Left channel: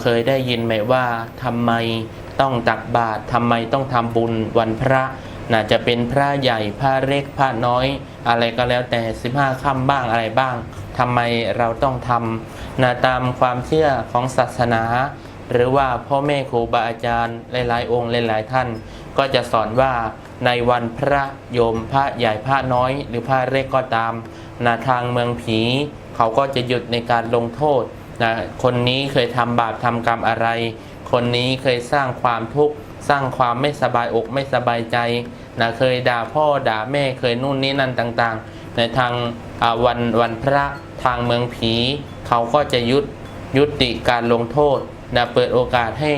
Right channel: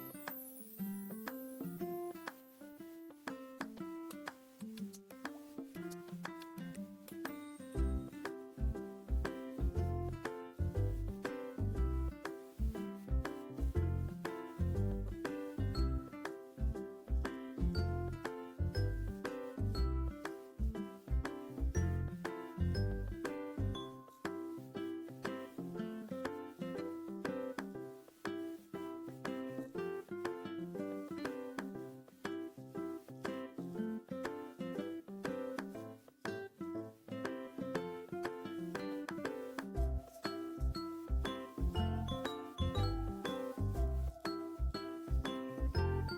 เคยได้ยินไหมว่าทำไมต้องตักบาตรทำไมต้องทำบุญวันพระน่าจะเป็นพระใหญ่พระเล็กพระน้อย อะไรก็แล้วแต่ 15ค่ำบ้างอะไรบ้างทำไมเราต้องทำนะตามความเชื่อของศาสนา หรือว่าพ่อแม่ครูบาอาจารย์หลายๆ องค์หลายๆท่าน ก็จะสอนว่าในวันพระโยมพระใหญ่พระน้อย หรือพระเล็กก็ตามนะทางเมืองผี เขาก็จะหยุดในการลงโทษ นะคนนี้เคยทำบาปทำกรรมอะไร คนนี้เคยสร้างความทุกข์สร้างความไม่สบายอกไม่สบายใจนะเคยด่าพ่อด่าแม่เคยนู่นนี่นั่นต่างๆ ในทางวันวันพระทางเมืองผีเขาก็จะยุดยุติการลงโทษนะเปิดโอกาสให้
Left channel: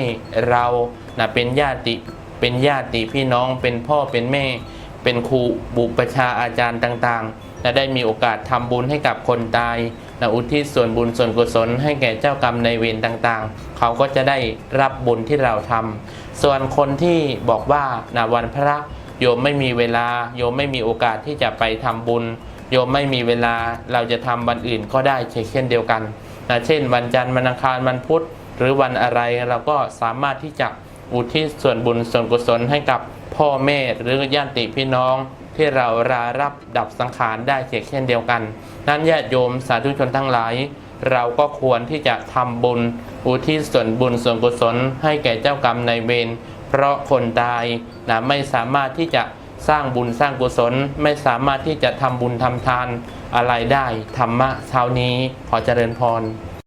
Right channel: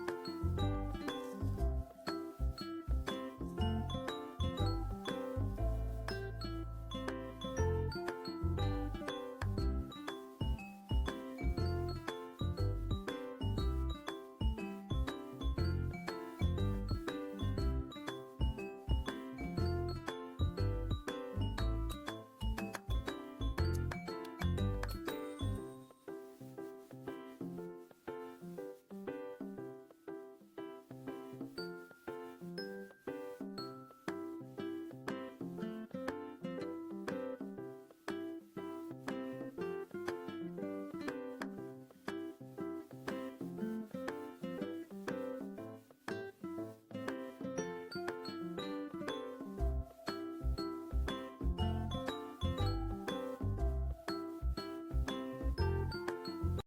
เรานะเป็นญาติเป็นญาติพี่น้องเป็นพ่อเป็นแม่ เป็นครูบุปชาอาจารย์ต่างๆและได้มีโอกาสทำบุญให้กับคนตาย นะอุทิศส่วนบุญส่วนกุศลให้แก่เจ้ากรรมในายเวรต่างๆ เขาก็จะได้รับบุญที่เราทำส่วนคนที่บอกว่านะวันพระโยมไม่มีเวลา โยมไม่มีโอกาสที่จะไปทำบุญ โยมไม่มีเวลาเราจะทำวันอื่นก็ได้เช่นเดียวกันนะเช่น วันจันทร์วันอังคารวันพุธ หรือวันอะไรเราก็สามารถที่จะ อุทิศส่วนบุญส่วนกุศลให้กับพ่อแม่หรือญาติพี่น้อง ที่เรารารับดับสังขารได้เช่นเดียวกัน นั้นญาติโยมสาธุชนทั้งหลาย เราก็ควรที่จะทำบุญ อุทิศส่วนบุญส่วนกุศล ให้แก่เจ้ากรรมนายเวรเพราะคนตายนะไม่สามารถที่จะสร้างบุญสร้างกุศลไม่สามารถที่จะทำบุญทำทานอะไรได้ธรรมะเช้านี้ขอเจริญพร